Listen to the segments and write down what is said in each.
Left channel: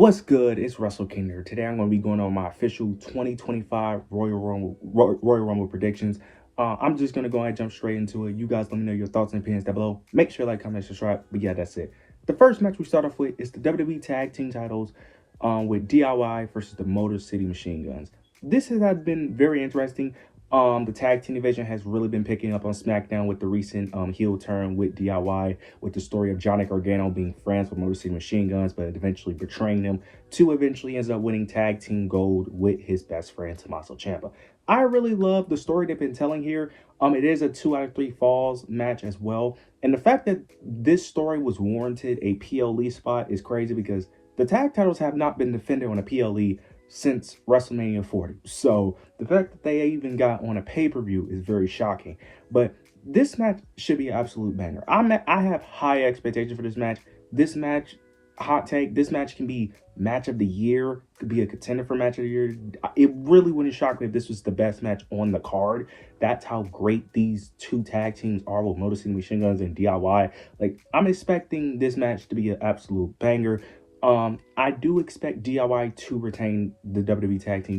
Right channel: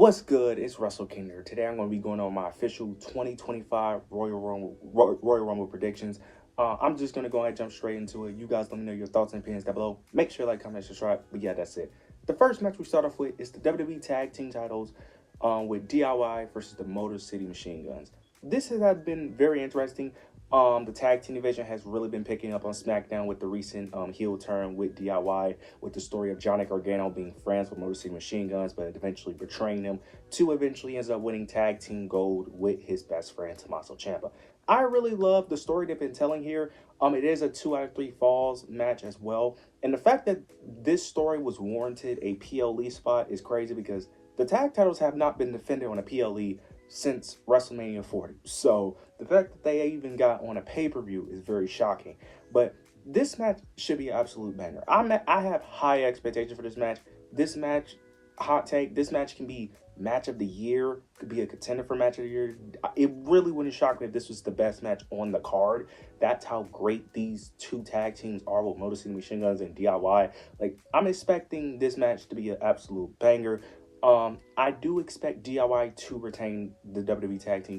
What's good? It's Russell King here. Today I'm going to be going on my official 2025 Royal Rumble predictions. I'm just going to go ahead and jump straight into it. You guys let me know your thoughts and opinions down below. Make sure you like, comment, subscribe. But yeah, that's it. The first match we start off with is the WWE Tag Team titles with DIY versus the Motor City Machine Guns. This has been very interesting. The tag team division has really been picking up on SmackDown with the recent heel turn with DIY, with the story of Johnny Gargano being friends with Motor City Machine Guns, but eventually betraying them to eventually ends up winning tag team gold with his best friend Tommaso Ciampa. I really love the story they've been telling here. It is a 2 out of 3 falls match as well, and the fact that this story was warranted a PLE spot is crazy because the tag titles have not been defended on a PLE since WrestleMania 40. So the fact that they even got on a pay-per-view is very shocking. But this match should be an absolute banger. I have high expectations for this match. This match, hot take, this match can be match of the year, could be a contender for match of the year. It really wouldn't shock me if this was the best match on the card. That's how great these two tag teams are with Motor City Machine Guns and DIY. Like, I'm expecting this match to be an absolute banger. I do expect DIY to retain the WWE Tag Team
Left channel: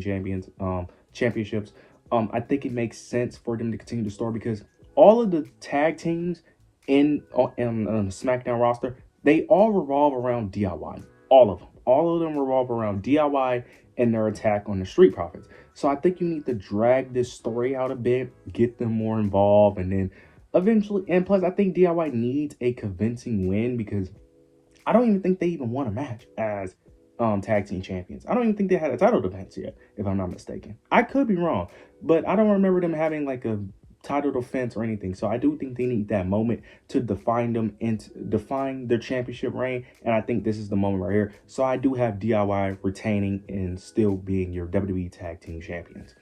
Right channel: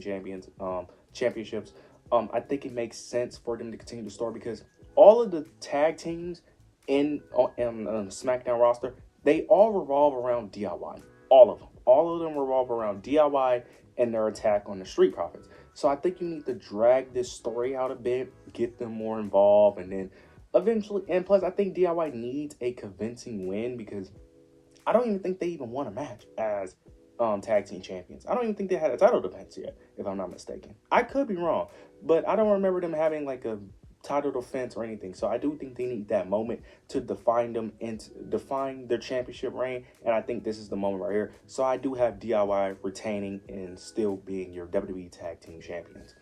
Championships. I think it makes sense for them to continue the story because all of the tag teams in the SmackDown roster, they all revolve around DIY. All of them revolve around DIY and their attack on the Street Profits. So I think you need to drag this story out a bit, get them more involved, and then eventually, and plus I think DIY needs a convincing win because I don't even think they even won a match as tag team champions. I don't even think they had a title defense yet, if I'm not mistaken. I could be wrong, but I don't remember them having like a title defense or anything. So I do think they need that moment to define them and define their championship reign. And I think this is the moment right here. So I do have DIY retaining and still being your WWE Tag Team Champions.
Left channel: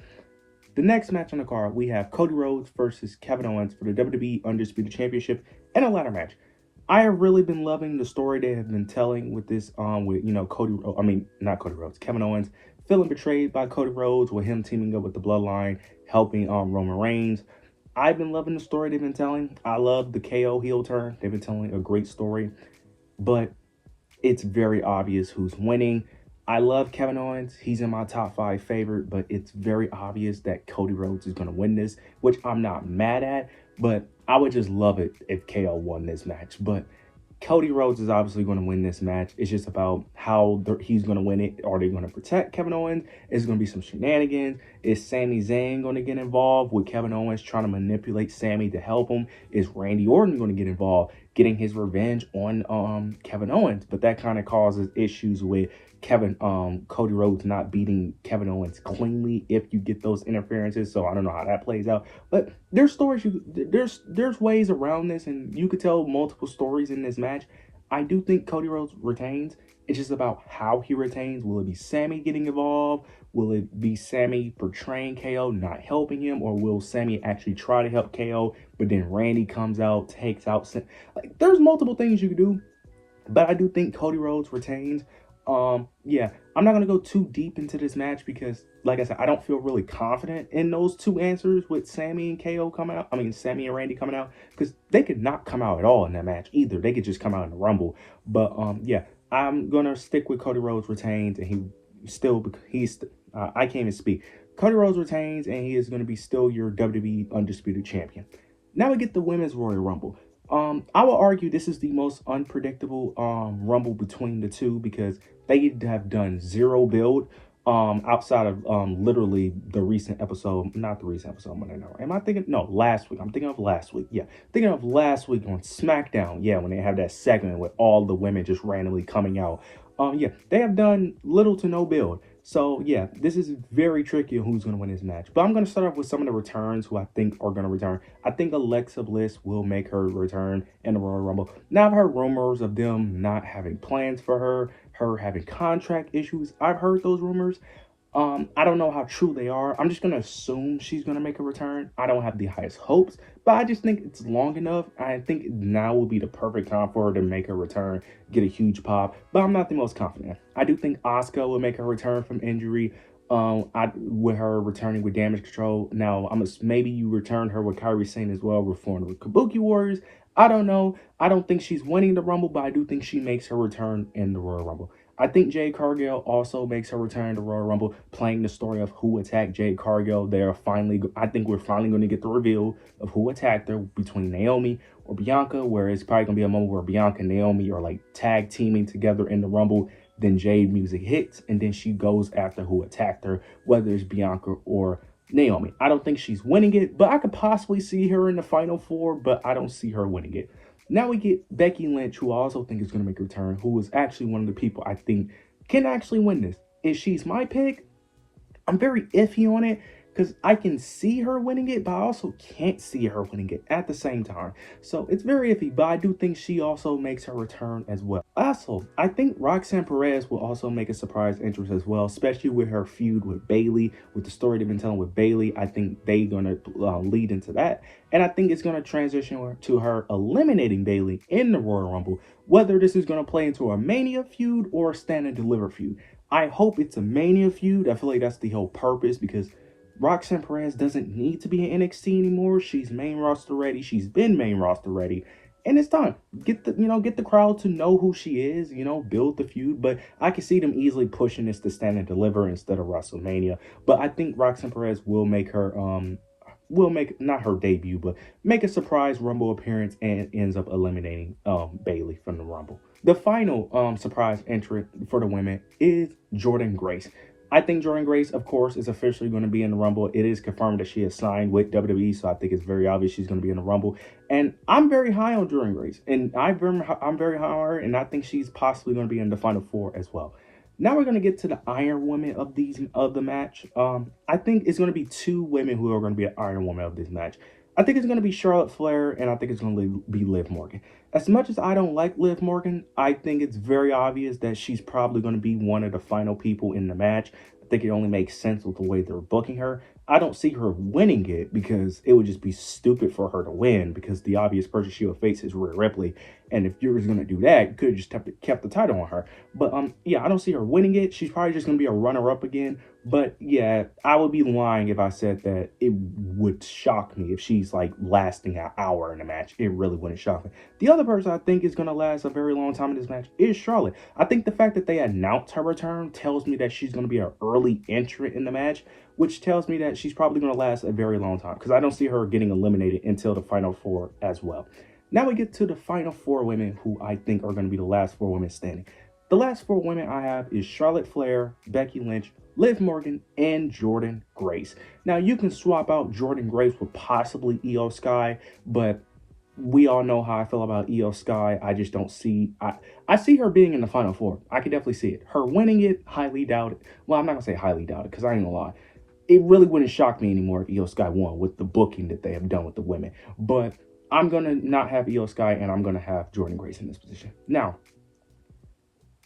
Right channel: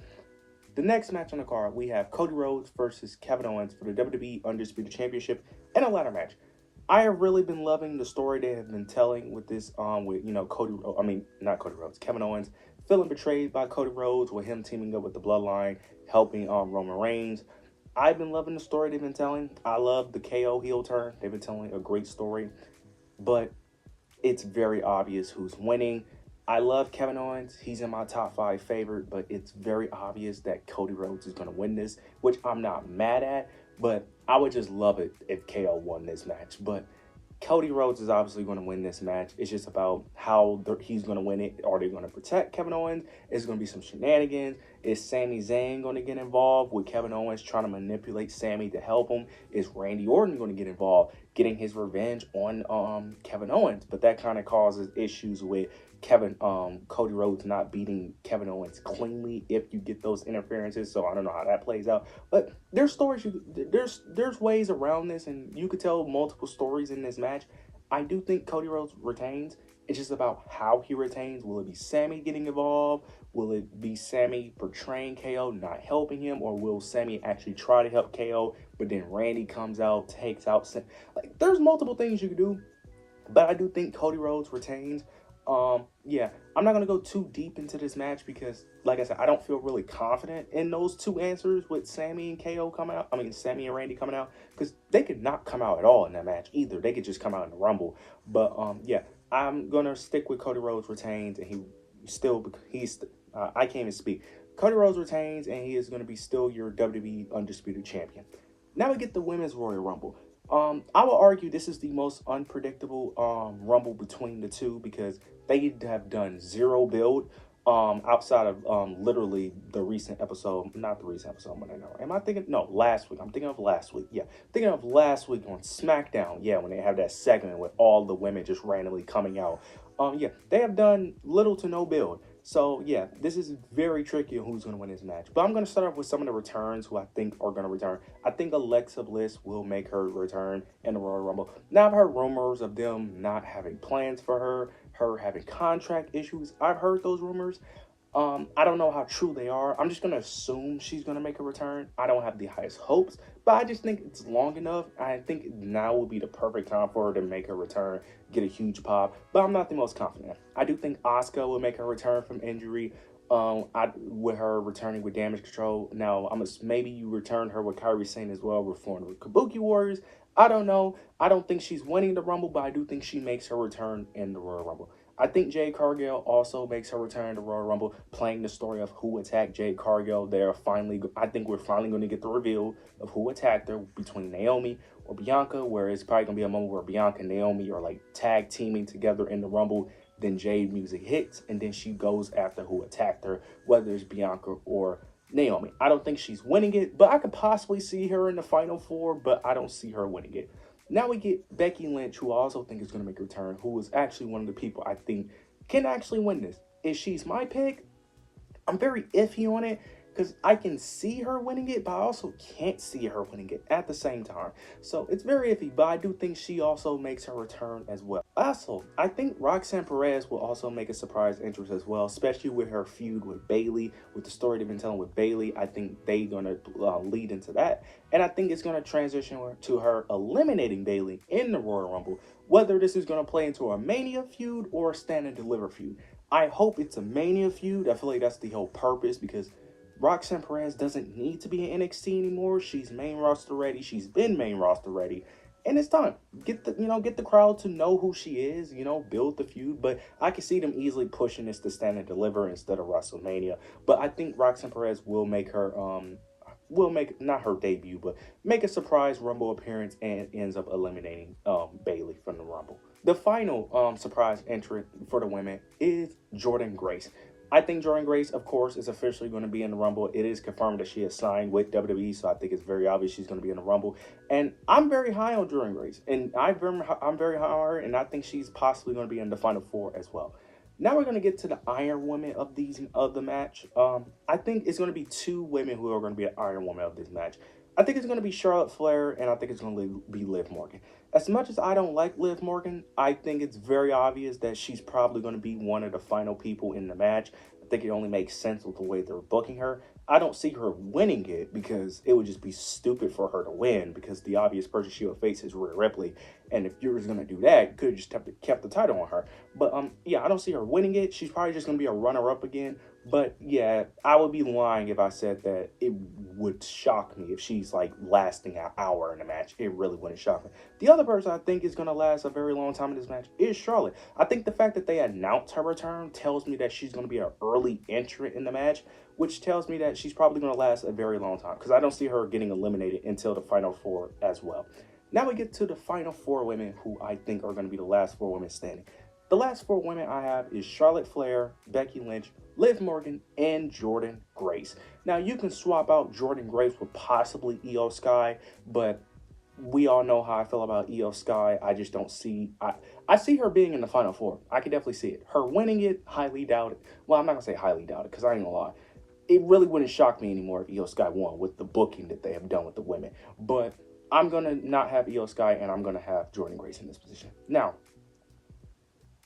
The next match on the card, we have Cody Rhodes versus Kevin Owens for the WWE Undisputed Championship in a ladder match. I have really been loving the story they have been telling with this, with, not Cody Rhodes, Kevin Owens feeling betrayed by Cody Rhodes, with him teaming up with the Bloodline, helping Roman Reigns. I've been loving the story they've been telling. I love the KO heel turn. They've been telling a great story, but it's very obvious who's winning. I love Kevin Owens. He's in my top 5 favorite, but it's very obvious that Cody Rhodes is going to win this, which I'm not mad at, but I would just love it if KO won this match. But Cody Rhodes is obviously going to win this match. It's just about how he's going to win it. Are they going to protect Kevin Owens? Is going to be some shenanigans? Is Sami Zayn going to get involved with Kevin Owens trying to manipulate Sami to help him? Is Randy Orton going to get involved, getting his revenge on Kevin Owens? But that kind of causes issues with Cody Rhodes not beating Kevin Owens cleanly if you get those interferences. So I don't know how that plays out, but there's stories there's ways around this, and you could tell multiple stories in this match. I do think Cody Rhodes retains. It's just about how he retains. Will it be Sami getting involved? Will it be Sami portraying KO, not helping him? Or will Sami actually try to help KO, but then Randy comes out, takes out like, there's multiple things you could do, but I do think Cody Rhodes retains. Yeah, I'm not going to go too deep into this match because, like I said, I don't feel really confident in those two answers with Sami and KO coming out. Sami and Randy coming out, because they could not come out at all in that match either. They could just come out in the Rumble. But, yeah, I'm going to stick with Cody Rhodes retains, and I can't even speak. Cody Rhodes retains, and he is going to be still your WWE Undisputed Champion. Now we get the Women's Royal Rumble. I will argue this is the most unpredictable Rumble between the two because they have done zero build outside of literally the recent episode, not the recent episode Monday Night. Am I thinking? No, last week. I'm thinking of last week. Yeah, thinking of last week on SmackDown. Yeah, when they have that segment with all the women just randomly coming out. Yeah, they have done little to no build. So, yeah, this is very tricky on who's going to win this match. But I'm going to start off with some of the returns who I think are going to return. I think Alexa Bliss will make her return in the Royal Rumble. Now, I've heard rumors of them not having plans for her having contract issues. I've heard those rumors. I don't know how true they are. I'm just going to assume she's going to make a return. I don't have the highest hopes, but I just think it's long enough. I think now will be the perfect time for her to make a return, get a huge pop, but I'm not the most confident. I do think Asuka will make a return from injury. With her returning with Damage Control. Now, maybe you return her with Kairi Sane as well, reformed with Kabuki Warriors. I don't know. I don't think she's winning the Rumble, but I do think she makes her return in the Royal Rumble. I think Jade Cargill also makes her return to Royal Rumble, playing the story of who attacked Jade Cargill. I think we're finally going to get the reveal of who attacked her between Naomi or Bianca, where it's probably going to be a moment where Bianca and Naomi are like tag teaming together in the Rumble. Then Jade music hits, and then she goes after who attacked her, whether it's Bianca or Naomi. I don't think she's winning it, but I could possibly see her in the final four, but I don't see her winning it. Now we get Becky Lynch, who I also think is going to make a return, who is actually one of the people I think can actually win this. If she's my pick, I'm very iffy on it because I can see her winning it, but I also can't see her winning it at the same time. So it's very iffy, but I do think she also makes her return as well. Also, I think Roxanne Perez will also make a surprise entrance as well, especially with her feud with Bayley, with the story they've been telling with Bayley. I think they're going to lead into that. And I think it's going to transition to her eliminating Bayley in the Royal Rumble, whether this is going to play into a Mania feud or a Stand and Deliver feud. I hope it's a Mania feud. I feel like that's the whole purpose because Roxanne Perez doesn't need to be in NXT anymore. She's main roster ready. She's been main roster ready. And it's time. Get the crowd to know who she is, build the feud. But I can see them easily pushing this to Stand and Deliver instead of WrestleMania. But I think Roxanne Perez will make her not her debut, but make a surprise Rumble appearance and ends up eliminating Bayley from the Rumble. The final surprise entrant for the women is Jordynne Grace. I think Jordynne Grace, of course, is officially going to be in the Rumble. It is confirmed that she has signed with WWE, so I think it's very obvious she's going to be in the Rumble. And I'm very high on Jordynne Grace, and I'm very high on her, and I think she's possibly going to be in the Final Four as well. Now we're going to get to the Iron Women of the match. I think it's going to be two women who are going to be an Iron Woman of this match. I think it's going to be Charlotte Flair, and I think it's going to be Liv Morgan. As much as I don't like Liv Morgan, I think it's very obvious that she's probably going to be one of the final people in the match. I think it only makes sense with the way they're booking her. I don't see her winning it because it would just be stupid for her to win because the obvious person she would face is Rhea Ripley. And if you were going to do that, you could have just kept the title on her. But yeah, I don't see her winning it. She's probably just going to be a runner-up again. But yeah, I would be lying if I said that it would shock me if she's like lasting an hour in the match. It really wouldn't shock me. The other person I think is going to last a very long time in this match is Charlotte. I think the fact that they announced her return tells me that she's going to be an early entrant in the match, which tells me that she's probably going to last a very long time because I don't see her getting eliminated until the Final Four as well. Now we get to the final four women who I think are going to be the last four women standing. The last four women I have is Charlotte Flair, Becky Lynch, Liv Morgan, and Jordynne Grace. Now you can swap out Jordynne Grace with possibly Io Sky, but we all know how I feel about Io Sky. I just don't see... I see her being in the Final Four. I can definitely see it. Her winning it, highly doubt it. Well, I'm not going to say highly doubt it because I ain't going to lie. It really wouldn't shock me anymore if Io Sky won with the booking that they have done with the women. But I'm going to not have Io Sky and I'm going to have Jordynne Grace in this position. Now,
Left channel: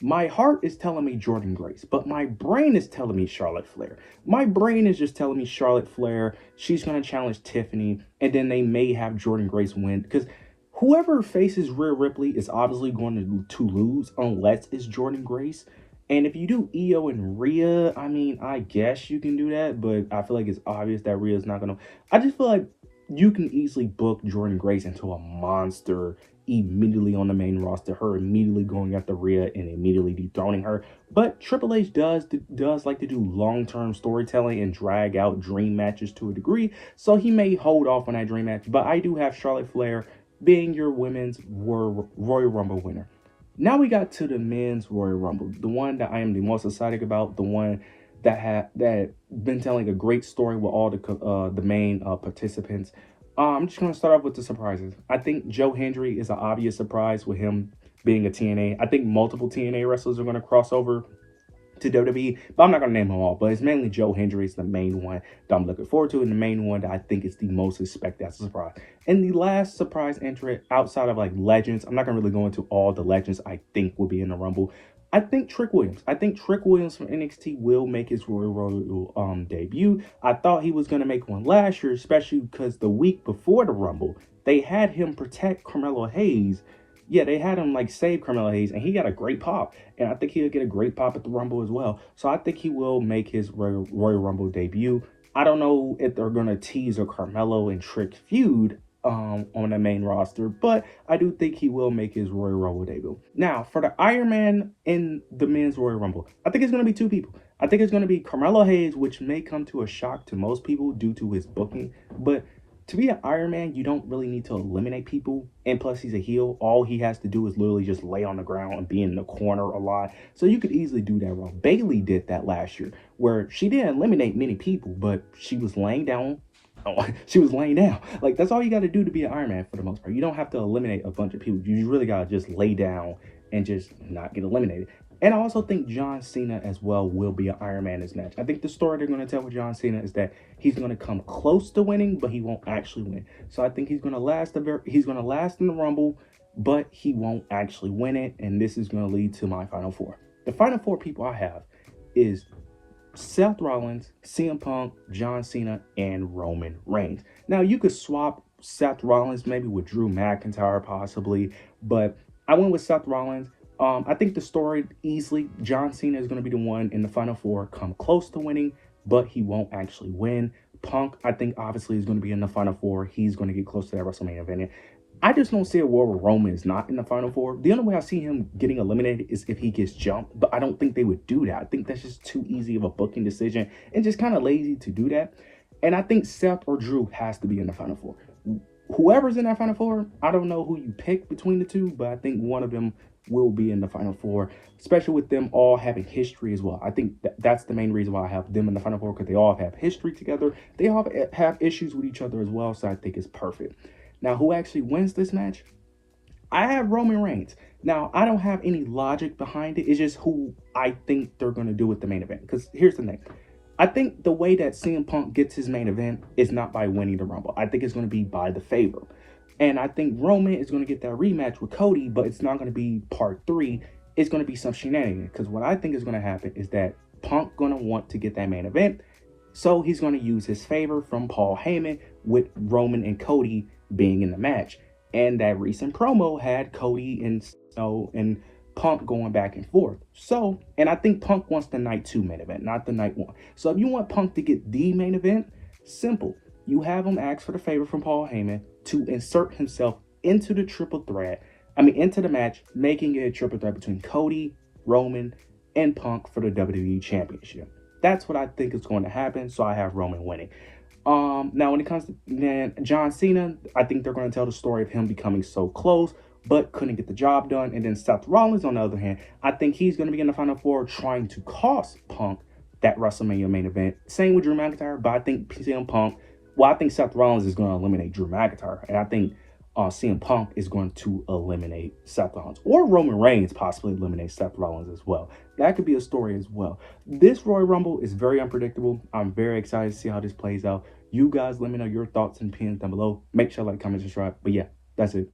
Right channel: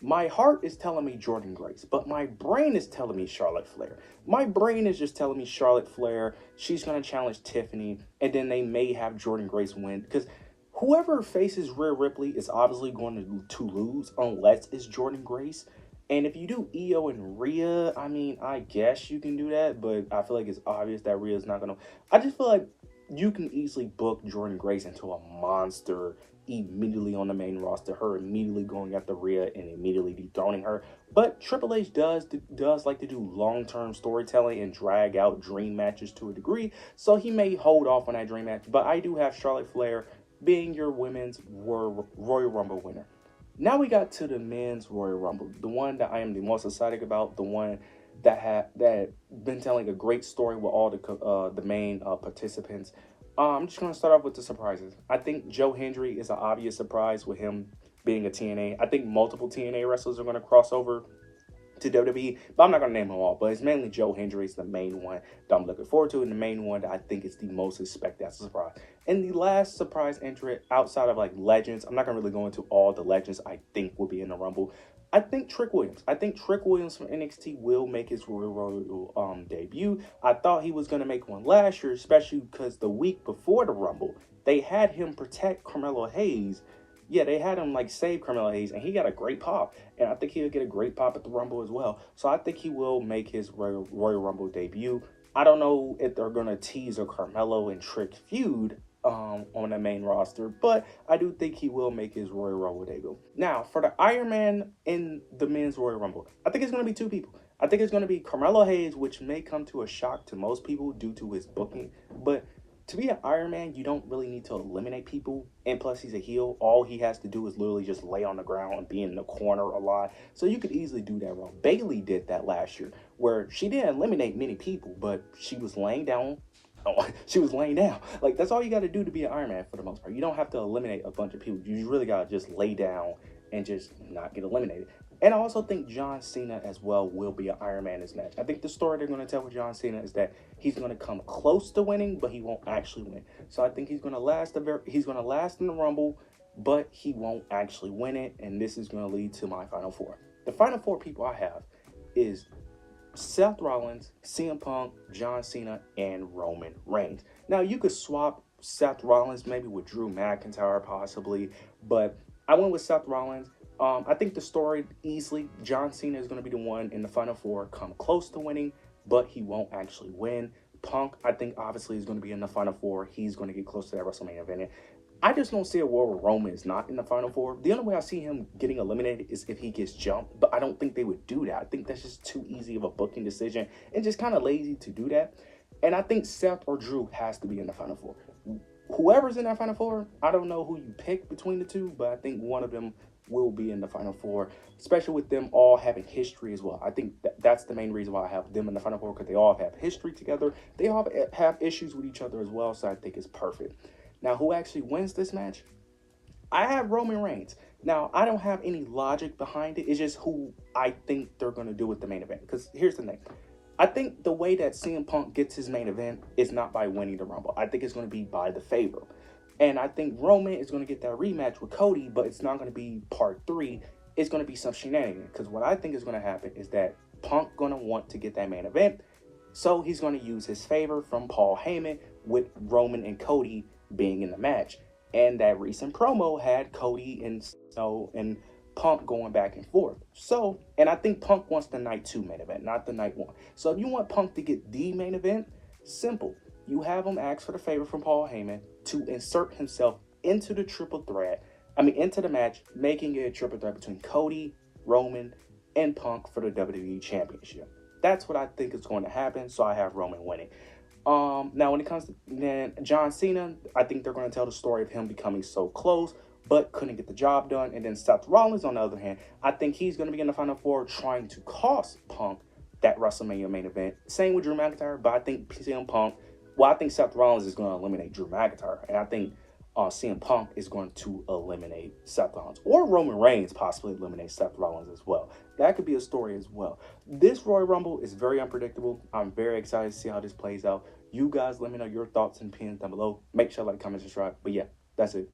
my heart is telling me Jordynne Grace, but my brain is telling me Charlotte Flair. My brain is just telling me Charlotte Flair, she's going to challenge Tiffany, and then they may have Jordynne Grace win. Because whoever faces Rhea Ripley is obviously going to lose unless it's Jordynne Grace. And if you do Io and Rhea, I mean, I guess you can do that, but I feel like it's obvious that Rhea's not going to... I just feel like you can easily book Jordynne Grace into a monster immediately on the main roster, her immediately going after Rhea and immediately dethroning her. But Triple H does like to do long-term storytelling and drag out dream matches to a degree, so he may hold off on that dream match. But I do have Charlotte Flair being your women's Royal Rumble winner. Now we got to the men's Royal Rumble, the one that I am the most excited about, the one that been telling a great story with all the main participants. I'm just going to start off with the surprises. I think Joe Hendry is an obvious surprise with him being a TNA. I think multiple TNA wrestlers are going to cross over to WWE, but I'm not going to name them all. But it's mainly Joe Hendry is the main one that I'm looking forward to, and the main one that I think is the most expected as a surprise. And the last surprise entrant outside of like legends, I'm not going to really go into all the legends I think will be in the Rumble. I think Trick Williams. I think Trick Williams from NXT will make his Royal debut. I thought he was going to make one last year, especially because the week before the Rumble, they had him protect Carmelo Hayes. Yeah, they had him like save Carmelo Hayes, and he got a great pop. And I think he'll get a great pop at the Rumble as well. So I think he will make his Royal Rumble debut. I don't know if they're going to tease a Carmelo and Trick feud on the main roster, but I do think he will make his Royal Rumble debut. Now, for the Iron Man in the men's Royal Rumble, I think it's going to be two people. I think it's going to be Carmelo Hayes, which may come to a shock to most people due to his booking, but to be an Iron Man, you don't really need to eliminate people. And plus, he's a heel. All he has to do is literally just lay on the ground and be in the corner a lot. So you could easily do that wrong. Bayley did that last year, where she didn't eliminate many people, but she was laying down. Oh, she was laying down. Like, that's all you got to do to be an Iron Man for the most part. You don't have to eliminate a bunch of people. You really got to just lay down and just not get eliminated. And I also think John Cena as well will be an Iron Man in this match. I think the story they're going to tell with John Cena is that he's going to come close to winning, but he won't actually win. So I think he's going to last in the Rumble, but he won't actually win it. And this is going to lead to my final four. The final four people I have is Seth Rollins, CM Punk, John Cena, and Roman Reigns. Now, you could swap Seth Rollins maybe with Drew McIntyre possibly, but I went with Seth Rollins. I think the story easily, John Cena is going to be the one in the final four, come close to winning, but he won't actually win. Punk, I think obviously is going to be in the final four. He's going to get close to that WrestleMania event. I just don't see a world where Roman is not in the final four. The only way I see him getting eliminated is if he gets jumped, but I don't think they would do that. I think that's just too easy of a booking decision and just kind of lazy to do that. And I think Seth or Drew has to be in the final four. Whoever's in that final four, I don't know who you pick between the two, but I think one of them will be in the final four, especially with them all having history as well. I think that's the main reason why I have them in the final four, because they all have history together. They all have issues with each other as well, so I think it's perfect. Now, who actually wins this match? I have Roman Reigns. Now, I don't have any logic behind it. It's just who I think they're going to do with the main event. Because here's the thing. I think the way that CM Punk gets his main event is not by winning the Rumble. I think it's going to be by the favor. And I think Roman is going to get that rematch with Cody, but it's not going to be part 3. It's going to be some shenanigans. Because what I think is going to happen is that Punk going to want to get that main event. So he's going to use his favor from Paul Heyman with Roman and Cody being in the match. And that recent promo had Cody and Punk going back and forth. So, and I think Punk wants the night 2 main event, not the night 1. So if you want Punk to get the main event, simple. You have him ask for the favor from Paul Heyman to insert himself into the into the match, making it a triple threat between Cody, Roman, and Punk for the WWE Championship. That's what I think is going to happen. So I have Roman winning. Now when it comes to John Cena, I think they're going to tell the story of him becoming so close, but couldn't get the job done. And then Seth Rollins, on the other hand, I think he's going to be in the final four trying to cost Punk that WrestleMania main event. Same with Drew McIntyre, but I think CM Punk, I think Seth Rollins is going to eliminate Drew McIntyre. And I think CM Punk is going to eliminate Seth Rollins. Or Roman Reigns possibly eliminate Seth Rollins as well. That could be a story as well. This Royal Rumble is very unpredictable. I'm very excited to see how this plays out. You guys let me know your thoughts and opinions down below. Make sure to like, comment, subscribe. But yeah, that's it.